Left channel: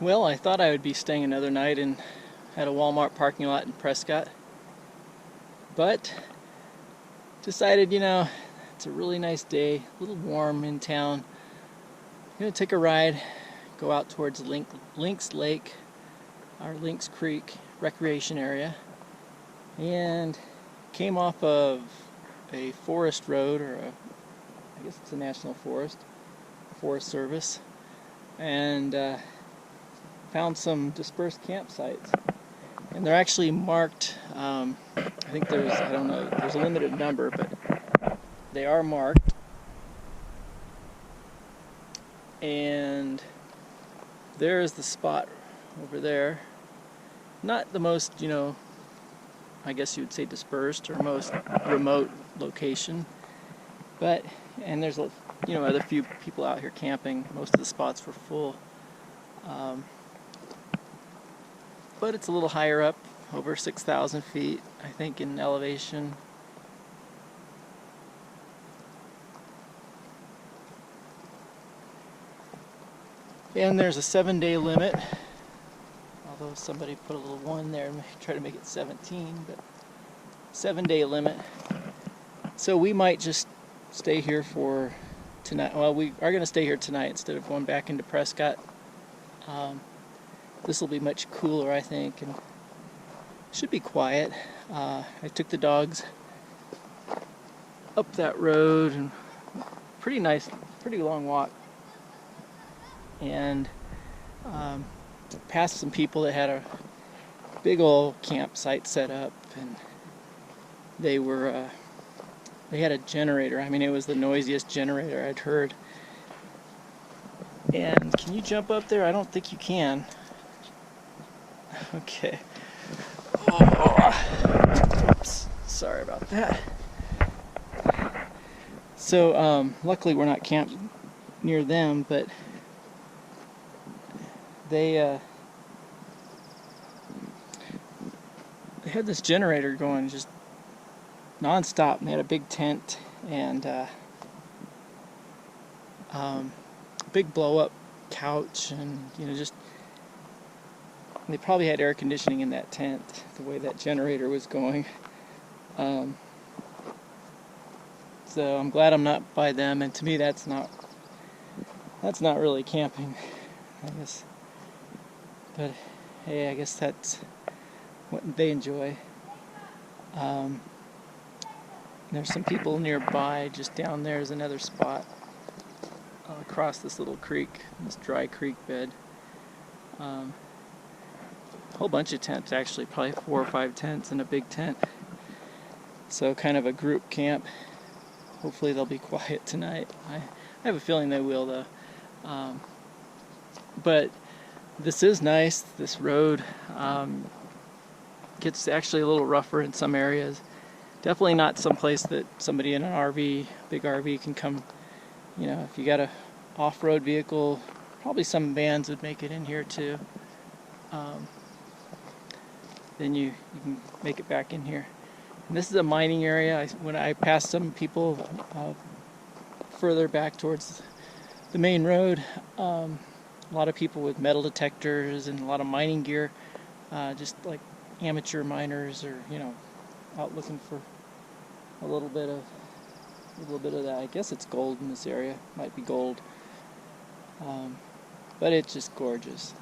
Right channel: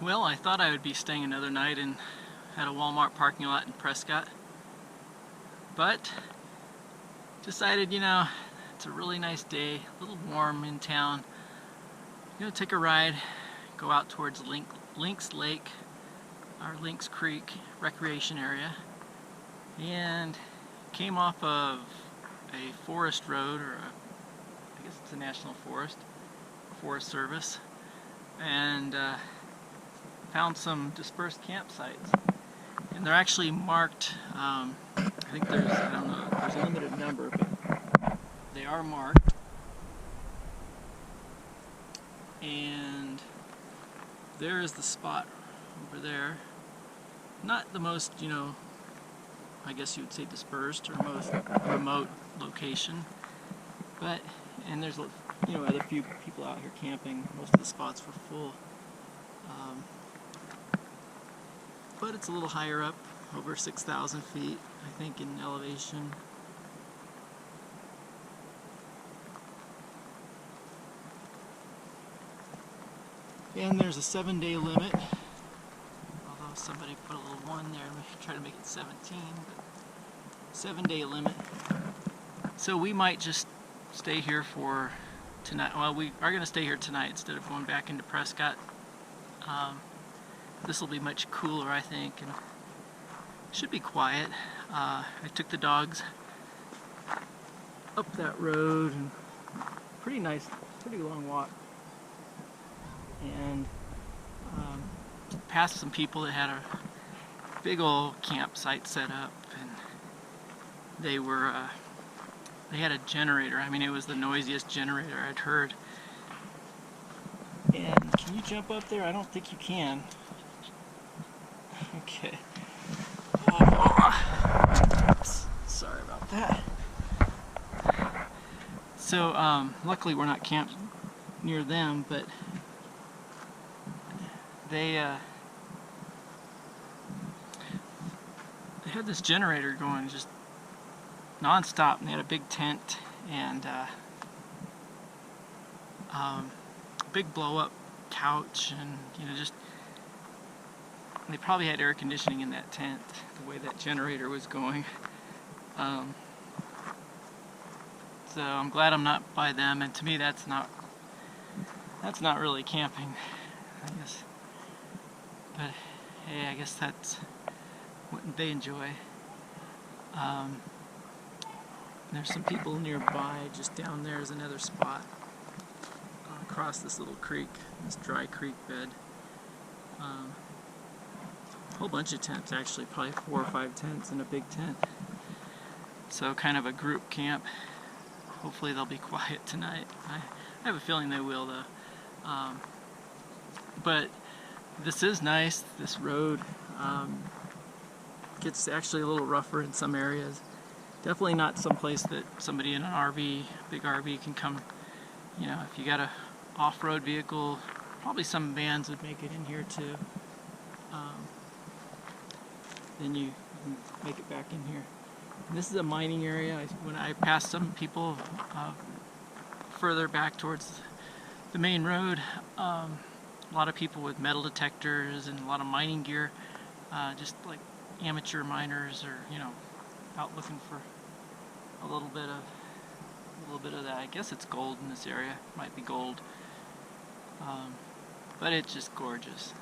Well, I thought I would be staying another night at a Walmart parking lot in Prescott, but decided, it's a really nice day, a little warm in town. I'm gonna take a ride, go out towards Lynx Lake, or Lynx Creek recreation area, and came off of a forest road, I guess it's a national forest service, and found some dispersed campsites. And they're actually marked, I think I don't know, there's a limited number, but they are marked. And there is the spot over there. Not the most, I guess you would say dispersed or most remote location. And there's, other few people out here camping. Most of the spots were full. But it's a little higher up, over 6,000 feet, I think, in elevation. And there's a 7-day limit, although somebody put a little 1 there and try to make it 17, but 7-day limit. So we might just stay here for tonight. Well, we are going to stay here tonight instead of going back into Prescott. This will be much cooler, I think, and should be quiet. I took the dogs up that road, and pretty nice, pretty long walk, and past some people that had a big old campsite set up, and they had a generator. I mean, it was the noisiest generator I'd heard. And can you jump up there? I don't think you can. Okay. Oops. Sorry about that. So, luckily we're not camped near them, but they had this generator going just non-stop, and they had a big tent and big blow-up couch, and just they probably had air conditioning in that tent the way that generator was going. So I'm glad I'm not by them, and to me that's not really camping, I guess. But hey, I guess that's what they enjoy. There's some people nearby. Just down there is another spot across this little creek, this dry creek bed. A whole bunch of tents, actually, probably 4 or 5 tents and a big tent. So kind of a group camp. Hopefully they'll be quiet tonight. I have a feeling they will, though. But this is nice. This road gets actually a little rougher in some areas. Definitely not someplace that somebody in an RV, big RV, can come. If you got a off-road vehicle, probably some vans would make it in here too. Then you can make it back in here. And this is a mining area. When I passed some people further back towards the main road, a lot of people with metal detectors and a lot of mining gear, just like amateur miners, or out looking for a little bit of that. I guess it's gold in this area. Might be gold, but it's just gorgeous.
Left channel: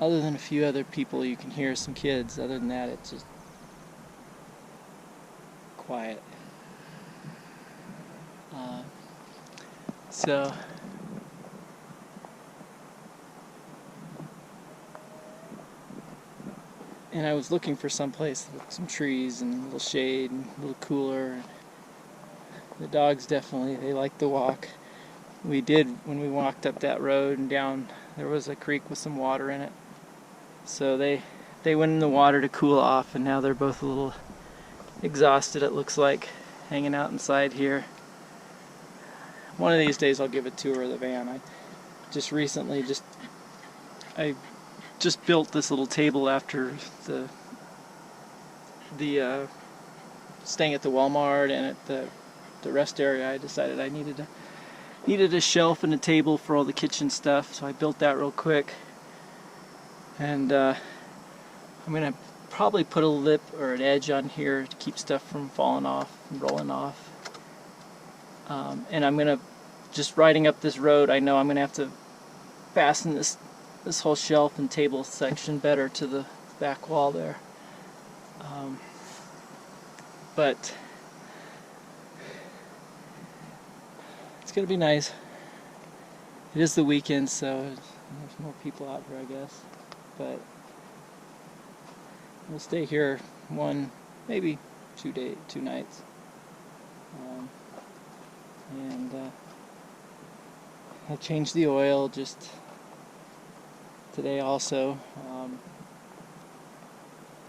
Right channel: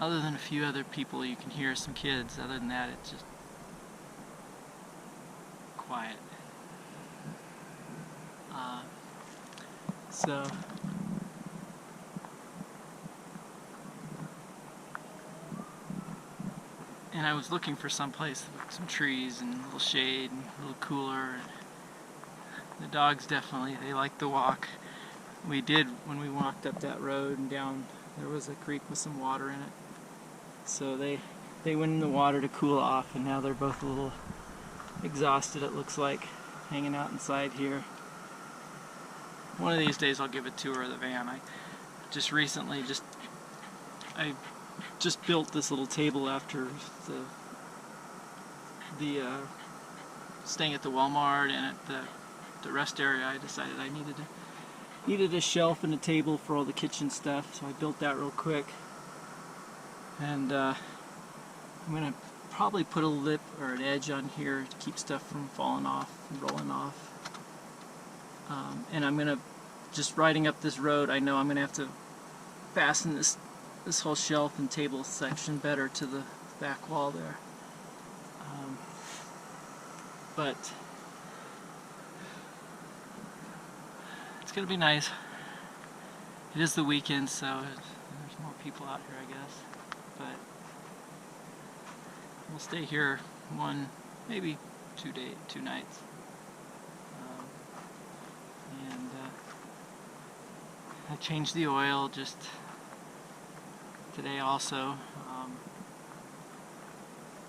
Other than a few other people, you can hear some kids. Other than that, it's just quiet. So and I was looking for some place with some trees and a little shade and a little cooler. The dogs definitely, they like the walk. We did, when we walked up that road and down, there was a creek with some water in it. So they went in the water to cool off, and now they're both a little exhausted, it looks like, hanging out inside here. One of these days I'll give a tour of the van. I just recently I built this little table after the staying at the Walmart and at the rest area. I decided I needed to needed a shelf and a table for all the kitchen stuff, so I built that real quick. And I'm gonna probably put a lip or an edge on here to keep stuff from falling off and rolling off. And I'm gonna, just riding up this road, I know I'm gonna have to fasten this whole shelf and table section better to the back wall there. But it's gonna be nice. It is the weekend, so there's more people out here, I guess. But we'll stay here one, maybe 2 nights. And I changed the oil just today also.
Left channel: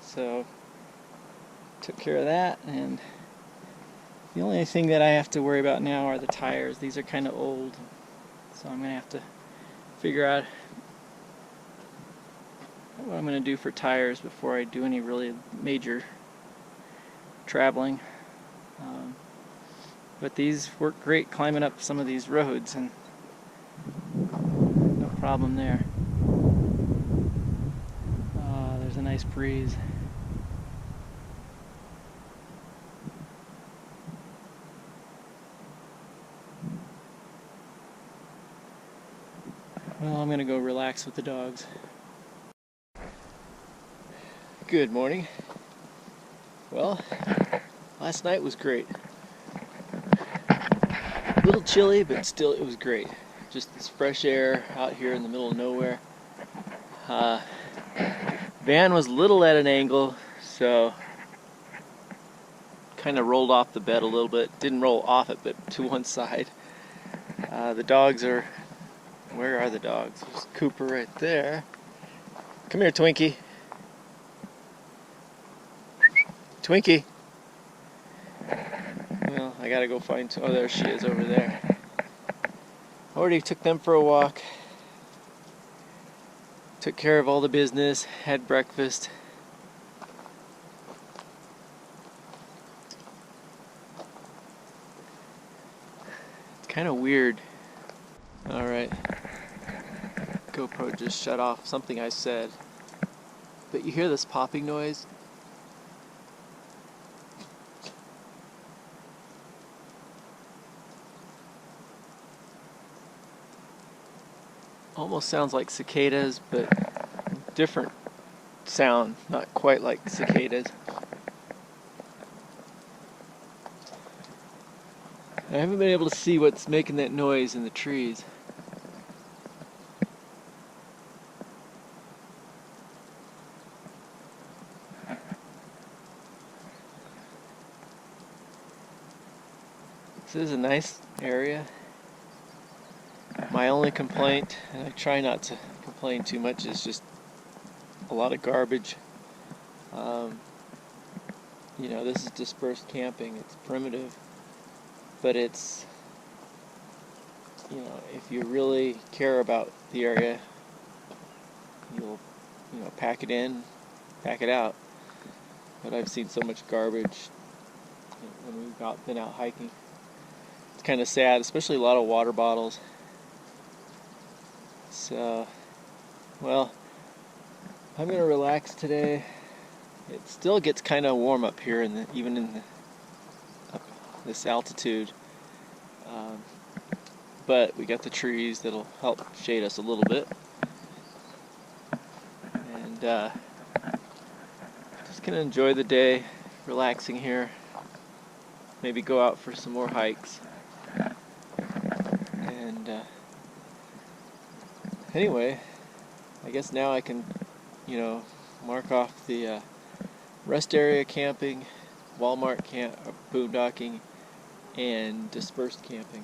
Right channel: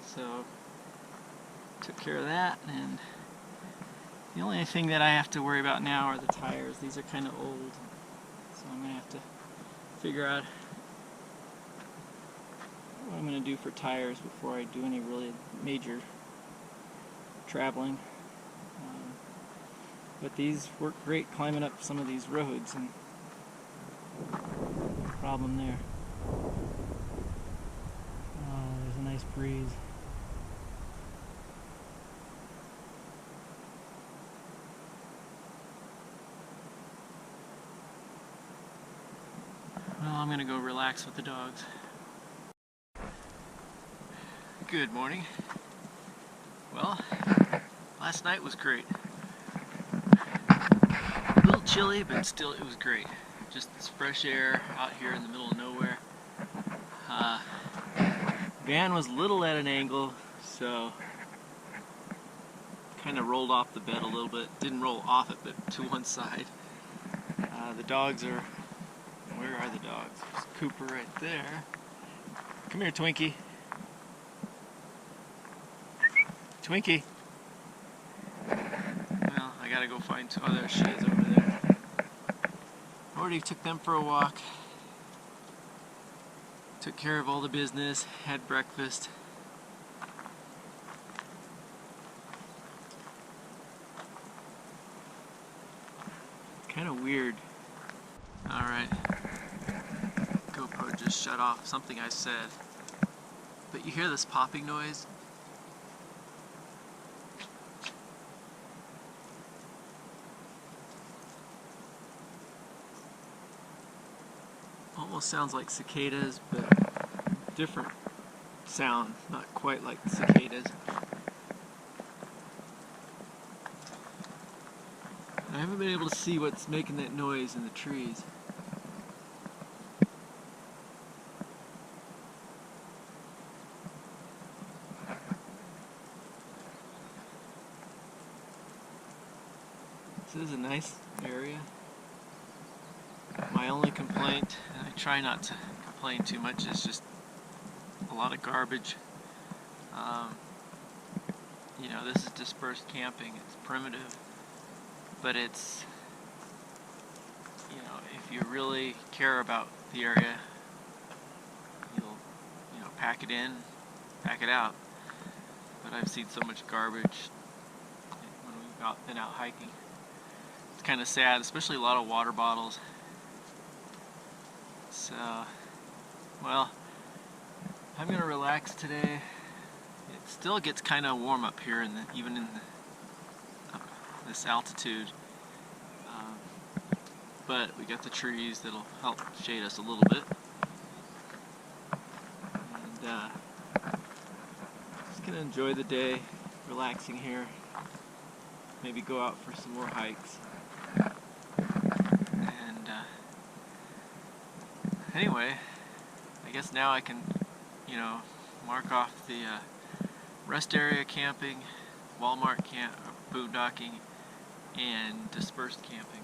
So took care of that, and the only thing that I have to worry about now are the tires. These are kind of old, so I'm gonna have to figure out what I'm gonna do for tires before I do any really major traveling. But these work great climbing up some of these roads, and no problem there. There's a nice breeze. Well, I'm gonna go relax with the dogs. Good morning. Well, last night was great. A little chilly, but still it was great. Just this fresh air out here in the middle of nowhere. Van was a little at an angle, so kind of rolled off the bed a little bit. Didn't roll off it, but to one side. The dogs are... Where are the dogs? There's Cooper right there. Come here, Twinkie. Twinkie. Well, I gotta go find... Oh, there she is over there. Already took them for a walk. Took care of all the business. Had breakfast. It's kind of weird. Alright. GoPro just shut off something I said. But you hear this popping noise? Almost sounds like cicadas, but different sound, not quite like cicadas. I haven't been able to see what's making that noise in the trees. This is a nice area. My only complaint, and I try not to complain too much, is just a lot of garbage. You know, this is dispersed camping. It's primitive, but it's, you know, if you really care about the area, you'll, you know, pack it in, pack it out. But I've seen so much garbage when we've been out hiking. It's kind of sad, especially a lot of water bottles. So, well, I'm going to relax today. It still gets kind of warm up here, even in up this altitude. But we got the trees that'll help shade us a little bit. And just going to enjoy the day, relaxing here. Maybe go out for some more hikes. And anyway, I guess now I can, you know, mark off the rest area camping, Walmart boondocking, and dispersed camping.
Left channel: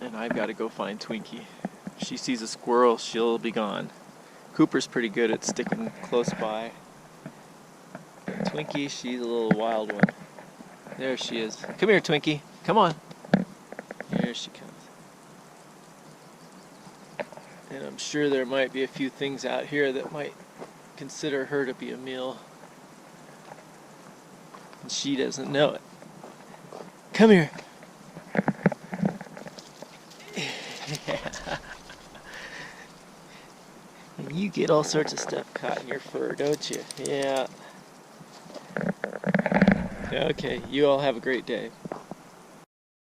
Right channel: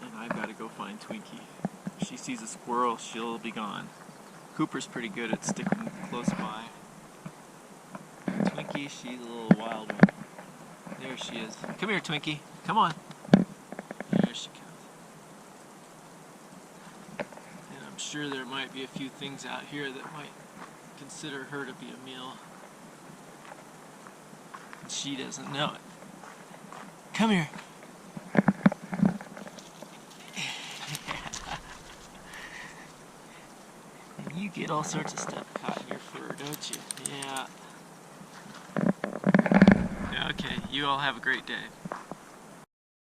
And I've got to go find Twinkie. If she sees a squirrel, she'll be gone. Cooper's pretty good at sticking close by. Twinkie, she's a little wild one. There she is. Come here, Twinkie. Come on. Here she comes. And I'm sure there might be a few things out here that might consider her to be a meal. And she doesn't know it. Come here. You get all sorts of stuff caught in your fur, don't you? Yeah. Okay, you all have a great day.